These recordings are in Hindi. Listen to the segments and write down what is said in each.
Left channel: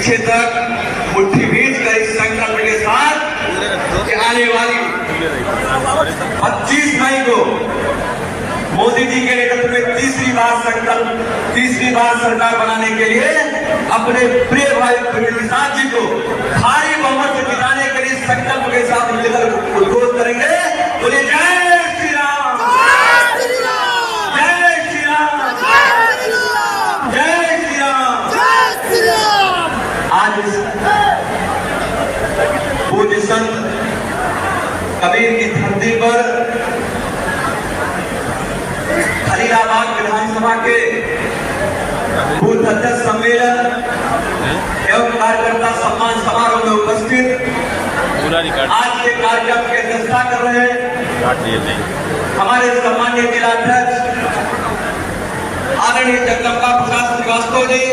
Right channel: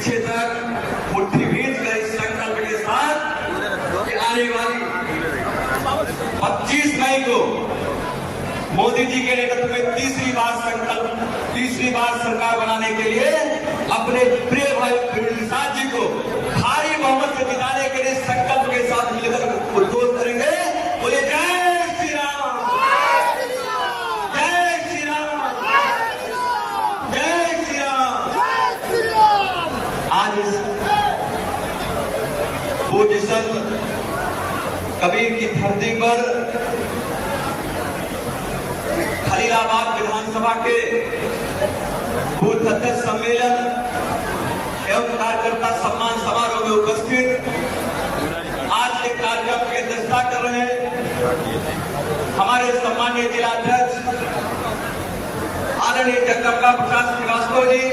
पीछे तक मुट्ठी भींच कर इस संकल्प के साथ कि आने वाली 25 मई को मोदी जी के नेतृत्व में तीसरी बार सरकार बनाने के लिए अपने प्रिय भाई प्रवीण जी को भारी बहुमत से जिताने के लिए संकल्प के साथ मिलकर उद्घोष करेंगे। बोलिए जय श्री राम, जय श्री राम, जय श्री राम। आज पूज्य संत कबीर की धरती पर खलीलाबाद विधानसभा के बूथ अध्यक्ष सम्मेलन एवं कार्यकर्ता सम्मान समारोह में उपस्थित आज के कार्यक्रम की अध्यक्षता कर रहे हमारे सम्मानीय जिलाध्यक्ष आदरणीय जगदम्बा प्रसाद श्रीवास्तव जी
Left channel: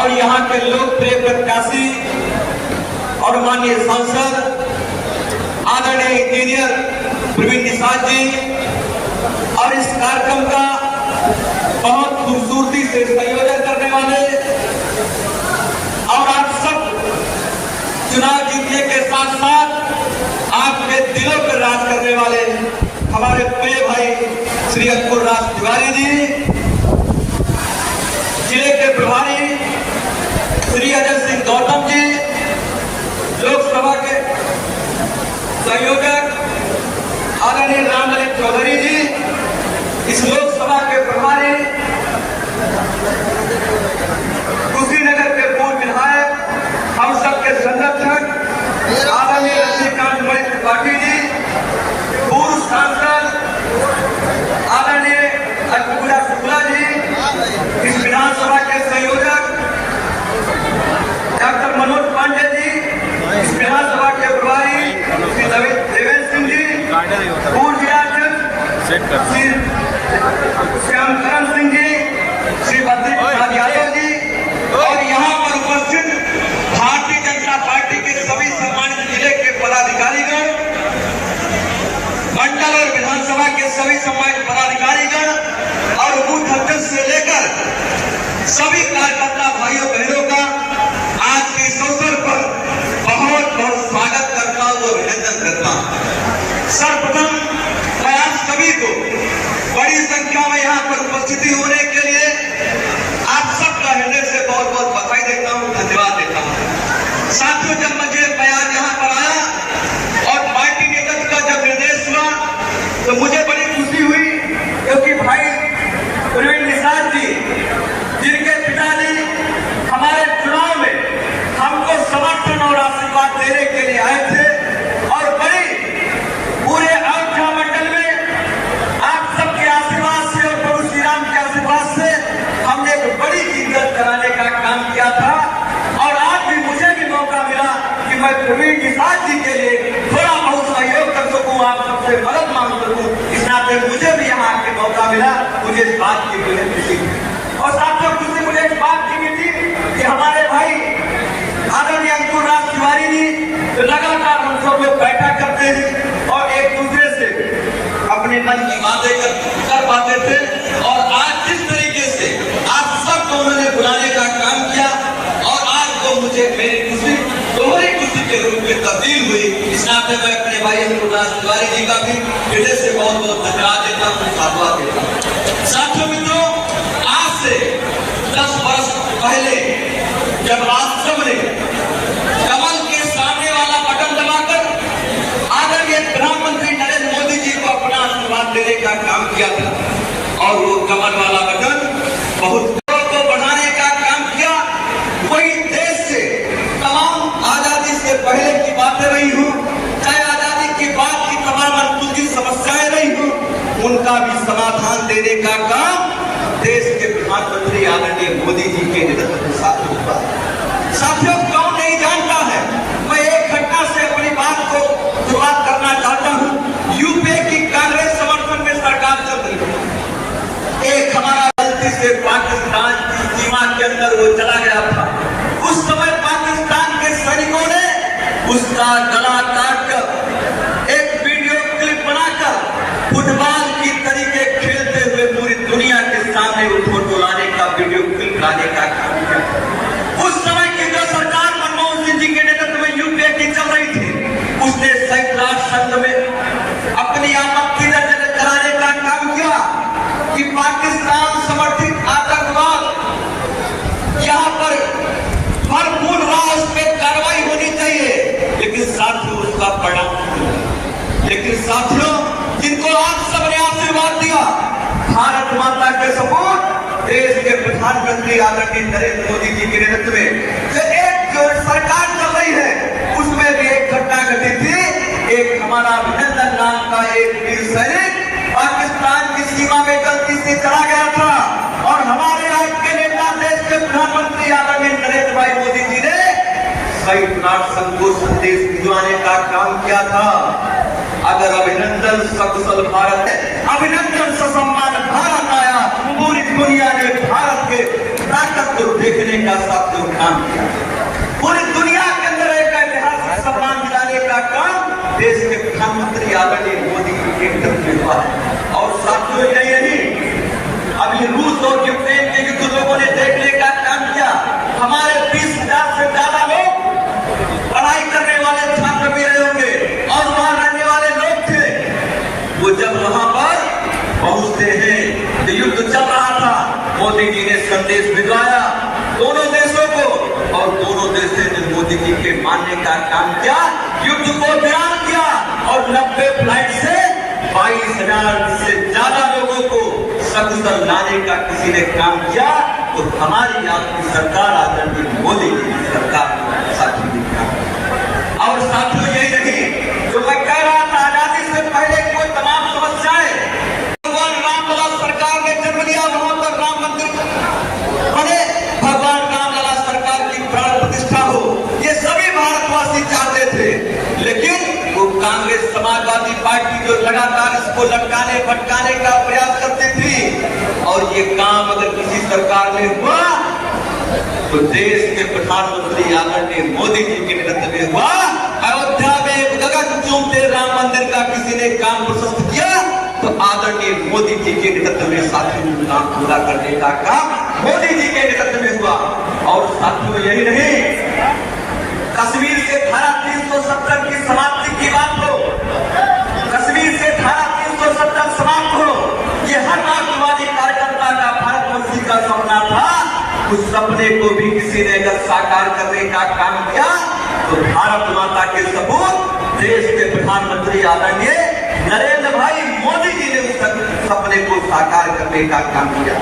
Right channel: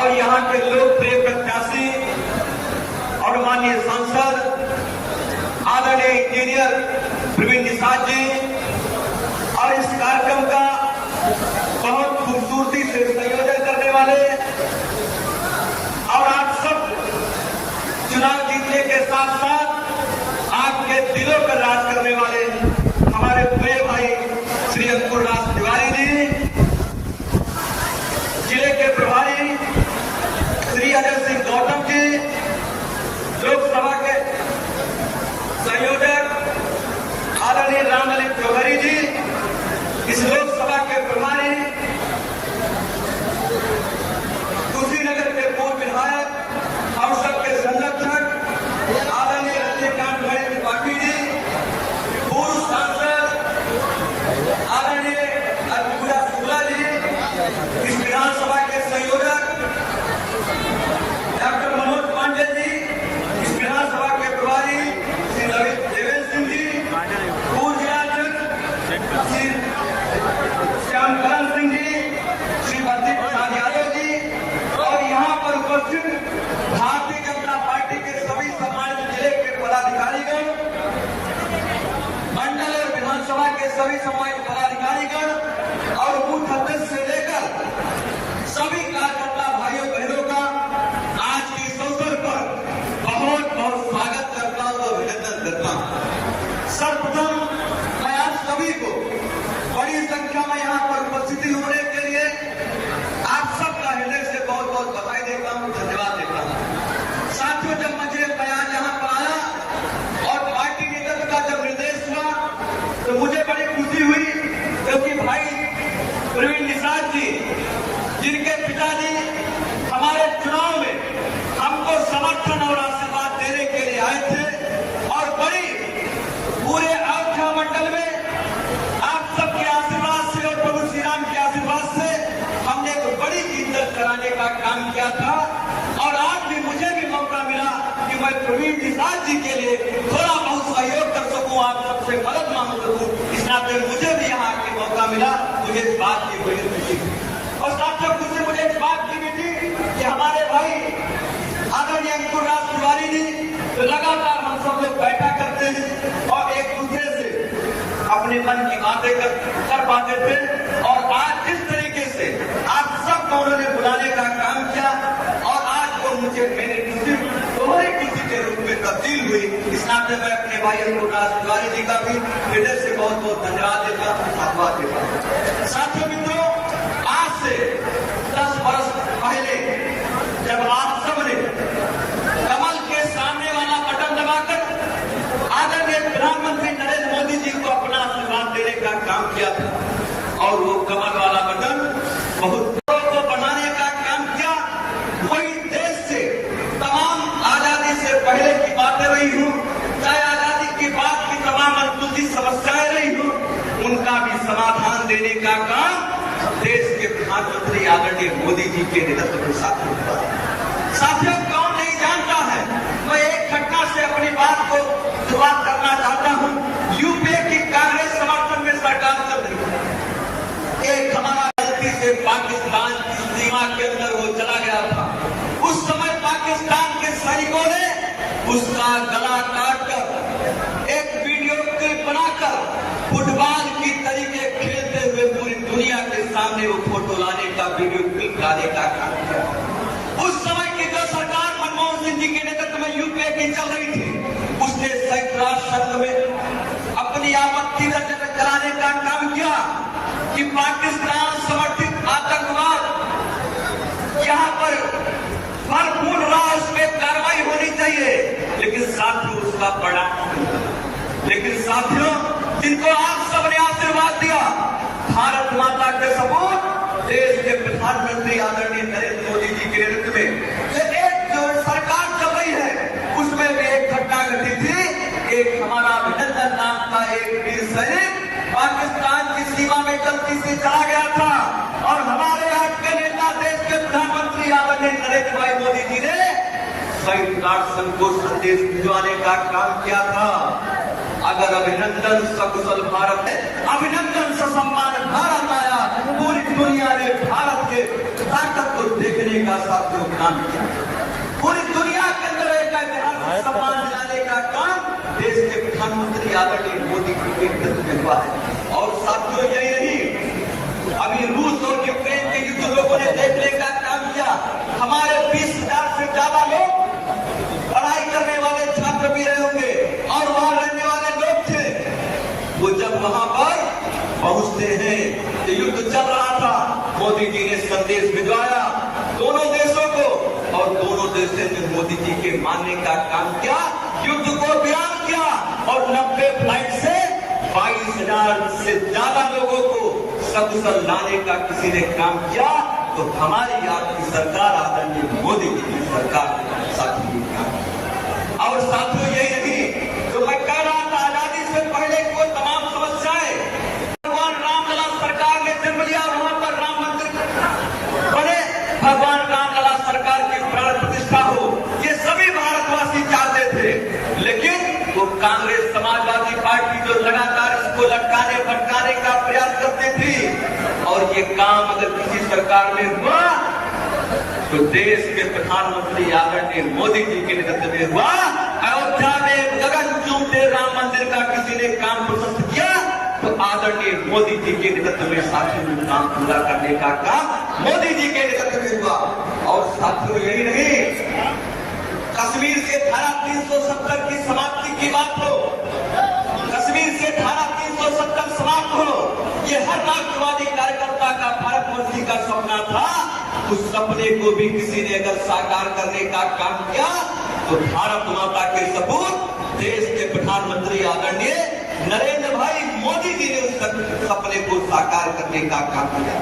और यहाँ के लोकप्रिय प्रत्याशी और माननीय सांसद आदरणीय इंजीनियर प्रवीण निषाद जी और इस कार्यक्रम का बहुत खूबसूरती से संयोजन करने वाले और आप सब चुनाव जीतने के साथ साथ आपके दिलों पर राज करने वाले हमारे प्रिय भाई श्री अंकुर राज तिवारी जी, जिले के प्रभारी श्री अजय सिंह गौतम जी, लोकसभा के संयोजक आदरणीय रामललित चौधरी जी, इस लोकसभा के प्रभारी कुशीनगर के पूर्व विधायक हम सबके संरक्षक आदरणीय रजनीकांत त्रिपाठी जी, पूर्व सांसद आदरणीय अजपूजा शुक्ला जी, इस विधानसभा के संयोजक डॉक्टर मनोज पांडे जी, इस विधानसभा के प्रभारी श्री देवेंद्र सिंह जी, पूर्व जिलाध्यक्ष श्री श्यामकरण सिंह जी, श्री बद्री प्रसाद यादव जी और यहाँ पर उपस्थित भारतीय जनता पार्टी के सभी सम्मानित जिले के पदाधिकारीगण, मंडल और विधानसभा के सभी सम्मानित पदाधिकारीगण और बूथ अध्यक्ष से लेकर सभी कार्यकर्ता भाइयों बहनों का आज के इस अवसर पर बहुत बहुत स्वागत करता हूँ, अभिनंदन करता हूँ। सर्वप्रथम मैं आप सभी को बड़ी संख्या में यहाँ पर उपस्थिति होने के लिए आप सबका हृदय से बहुत बहुत बधाई देता हूँ, धन्यवाद देता हूँ। साथियों, जब मैं आज यहाँ पर आया और पार्टी नेतृत्व का जब निर्देश हुआ तो मुझे बड़ी खुशी हुई, क्योंकि भाई प्रवीण निषाद जी जिनके पिताजी हमारे चुनाव में हमको समर्थन और आशीर्वाद देने के लिए आए थे और बड़ी पूरे अयोध्या मंडल में आप सबके आशीर्वाद से और प्रभु श्री राम के आशीर्वाद से हमने एक बड़ी इज्जत कराने का काम किया था। और आज भी मुझे भी मौका मिला कि मैं प्रवीण निषाद जी के लिए थोड़ा बहुत सहयोग कर सकूं, आप सबसे मदद मांग सकूं, इस नाते मुझे भी यहाँ आके मौका मिला। मुझे इस बात की बड़ी खुशी और साथियों खुशी मुझे इस बात की मिली कि हमारे भाई आदरणीय अंकुर राज तिवारी जी जो लगातार हम सब लोग बैठा करते हैं और एक दूसरे से अपने मन की बातें कर पाते थे, और आज जिस तरीके से आप सबको उन्होंने बुलाने का काम किया और आज को मुझे मेरी खुशी दोहरी खुशी के रूप में तब्दील हुई, इस नाते मैं अपने भाई अंकुर राज तिवारी जी का भी हृदय से बहुत बहुत धन्यवाद देता हूँ, साधुवाद देता हूँ। साथियों मित्रों, आज से 10 वर्ष पहले जब आप सबने कमल के सामने वाला बटन दबाकर आदरणीय प्रधानमंत्री नरेंद्र मोदी जी को अपना आशीर्वाद देने का काम किया था और वो कमल वाला बटन बहुत को बढ़ाने का काम किया, वही देश से तमाम आजादी से पहले की बातें रही हूँ, चाहे आजादी के बाद की तमाम अनसुलझी समस्याएं रही हूँ, उनका भी समाधान देने का काम देश के प्रधानमंत्री आदरणीय मोदी जी के नेतृत्व के साथ होता है। साथियों, कौन नहीं जानता है, मैं एक घटना से अपनी बात को शुरुआत करना चाहता हूँ। यूपीए की कांग्रेस समर्थन में सरकार चल रही है, एक हमारा गलती से पाकिस्तान की सीमा के अंदर वो चला गया था, उस समय पाकिस्तान के सैनिकों ने उसका गला काट कर एक वीडियो क्लिप बनाकर फुटबॉल की तरीके खेलते हुए पूरी दुनिया के सामने वो फोटो लाने का वीडियो क्लिप लाने का काम किया। मोदी चला गया था और हमारे आज के नेता देश के प्रधानमंत्री आदरणीय नरेंद्र भाई मोदी जी ने संयुक्त राष्ट्र संघ को संदेश भिजवाने का काम किया था। अगर अभिनंदन सकुशल भारत, अभिनंदन ससम्मान भारत आया, पूरी दुनिया ने भारत के ताकत को देखने का साथियों काम किया। पूरी दुनिया के अंदर एक ऐतिहासिक सम्मान दिलाने का काम देश के प्रधानमंत्री आदरणीय मोदी के नेतृत्व में हुआ। और साथियों यही नहीं, अभी रूस और यूक्रेन के युद्ध लोगों ने देखने का काम किया। हमारे 20,000 से ज्यादा लोग पढ़ाई करने वाले छात्र भी रहे होंगे और वहां रहने वाले लोग थे। वो जब वहां पर पहुंचते हैं तो युद्ध चल रहा था, मोदी जी ने संदेश भिजवाया दोनों देशों को और दोनों देशों ने मोदी जी के मानने का काम किया, युद्ध को विराम किया और 90 फ्लाइट से 22,000 से ज्यादा लोगों को सकुशल लाने का किसी ने काम किया। तो हमारी आपकी सरकार आदरणीय मोदी जी की सरकार साथी और साथियों यही नहीं जो मैं कह रहा था, आजादी से पहले कोई तमाम समस्याएं भगवान रामलला सरकार ने जन्म लिया, वहां पर राम मंदिर बने, भगवान रामलला सरकार की प्राण प्रतिष्ठा हो, ये सभी भारतवासी चाहते थे। लेकिन वो कांग्रेस समाजवादी पार्टी जो लगातार इसको लटकाने भटकाने का प्रयास करती थी और ये काम अगर किसी सरकार ने हुआ तो देश के प्रधानमंत्री आदरणीय मोदी जी के नेतृत्व में हुआ। अयोध्या में गगन चूमते राम मंदिर का किसी ने काम प्रशस्त किया तो आदरणीय मोदी जी के नेतृत्व में साथियों काम पूरा करने का काम मोदी जी के नेतृत्व में हुआ। और साथियों यही नहीं, कश्मीर से धारा 370 की समाप्ति की बात हो, कश्मीर से धारा 370 समाप्त हो, ये हर राष्ट्रवादी कार्यकर्ता का भारतवंशी का सपना था। उस सपने को भी किसी ने अगर साकार करने का काम किया तो भारत माता के सबूत देश के प्रधानमंत्री आदरणीय नरेंद्र भाई मोदी जी ने उस सपने को साकार करने का काम किया।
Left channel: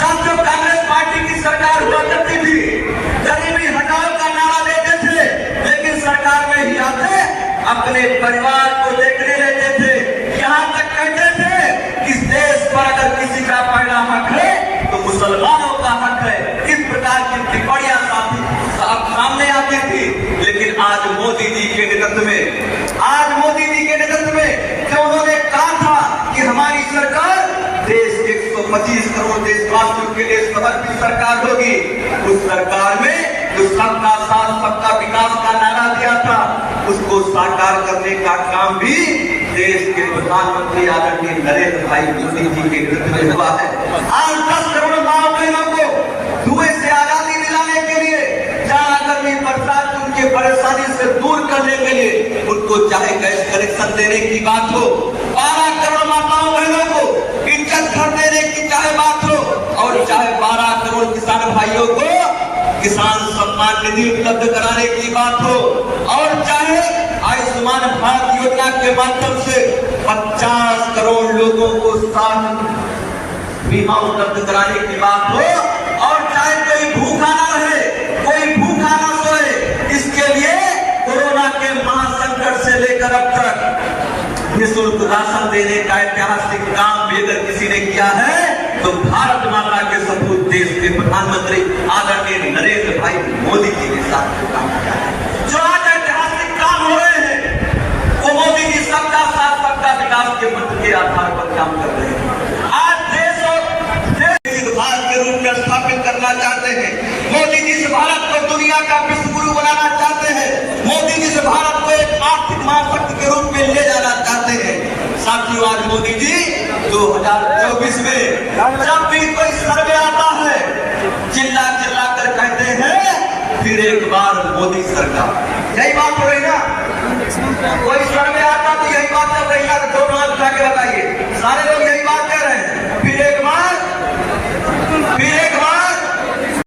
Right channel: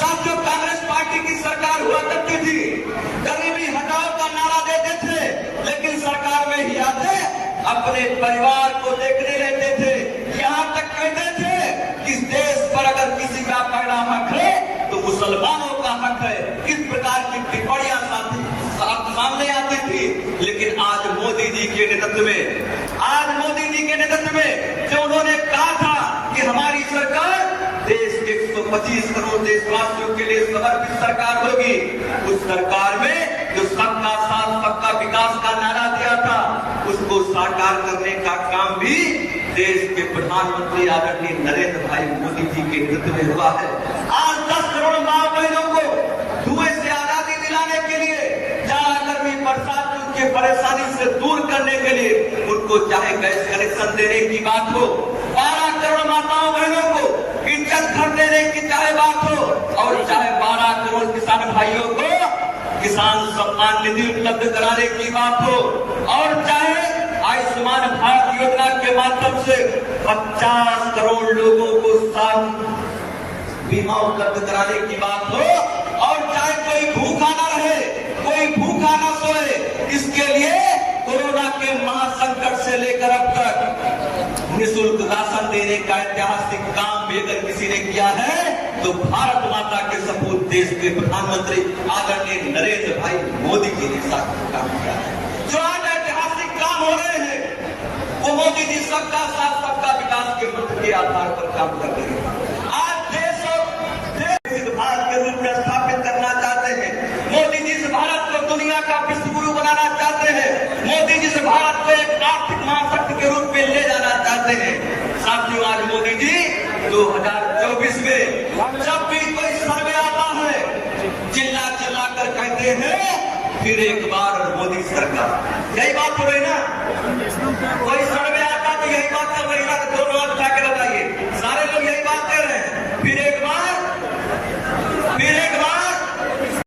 साथियों, कांग्रेस पार्टी की सरकार हुआ करती थी, गरीबी हटाओ का नारा देते थे, लेकिन सरकार में ही आते अपने परिवार को देखने लेते थे। यहाँ तक कहते थे कि इस देश पर अगर किसी का पैदा हक है तो मुसलमानों का हक है। इस प्रकार की टिप्पणियां सामने आती थी। लेकिन आज मोदी जी के नेतृत्व में, आज मोदी जी के नेतृत्व में जो उन्होंने कहा था कि हमारी सरकार देश के 125 करोड़ देशवासियों के लिए समर्पित सरकार होगी, उस सरकार में जो सबका साथ सबका विकास का नारा दिया था उसको साकार करने का काम भी देश के प्रधानमंत्री आदरणीय नरेंद्र भाई मोदी जी के नेतृत्व में हुआ है। आज 10 करोड़ माँ बहनों को धुएं से आजादी दिलाने के लिए, जाड़ा गर्मी बरसात उनकी परेशानी से दूर करने के लिए उनको चाहे गैस कनेक्शन देने की बात हो, 12 करोड़ माताओं बहनों को इज्जत घर देने की चाहे बात हो, और चाहे 12 करोड़ किसान भाइयों को किसान सम्मान निधि उपलब्ध कराने की बात हो, और चाहे आयुष्मान भारत योजना के माध्यम से 50 करोड़ लोगों को स्वास्थ्य बीमा उपलब्ध कराने की बात हो, और चाहे कोई भूखा न रहे, कोई भूखा न सोए, इसके लिए कोरोना के महासंकट से लेकर अब तक निःशुल्क राशन देने का ऐतिहासिक काम भी अगर किसी ने किया है तो भारत माता के सपूत देश के प्रधानमंत्री आदरणीय नरेंद्र भाई मोदी जी के साथ काम किया है। जो आज ऐतिहासिक काम हो रहे हैं वो मोदी जी सबका साथ सबका विकास के मंत्र के आधार पर काम कर रहे हैं। आज देश और भारत के रूप में स्थापित करना चाहते हैं। मोदी जी से भारत को दुनिया का विश्व गुरु बनाना चाहते हैं। मोदी जी से भारत को एक आर्थिक महाशक्ति के रूप में ले जाना चाहते हैं। साथियों, आज मोदी जी 2024 में जब भी कोई सर्वे आता है चिल्ला चिल्ला कर कहते हैं फिर एक बार मोदी सरकार। यही बात हो रही ना।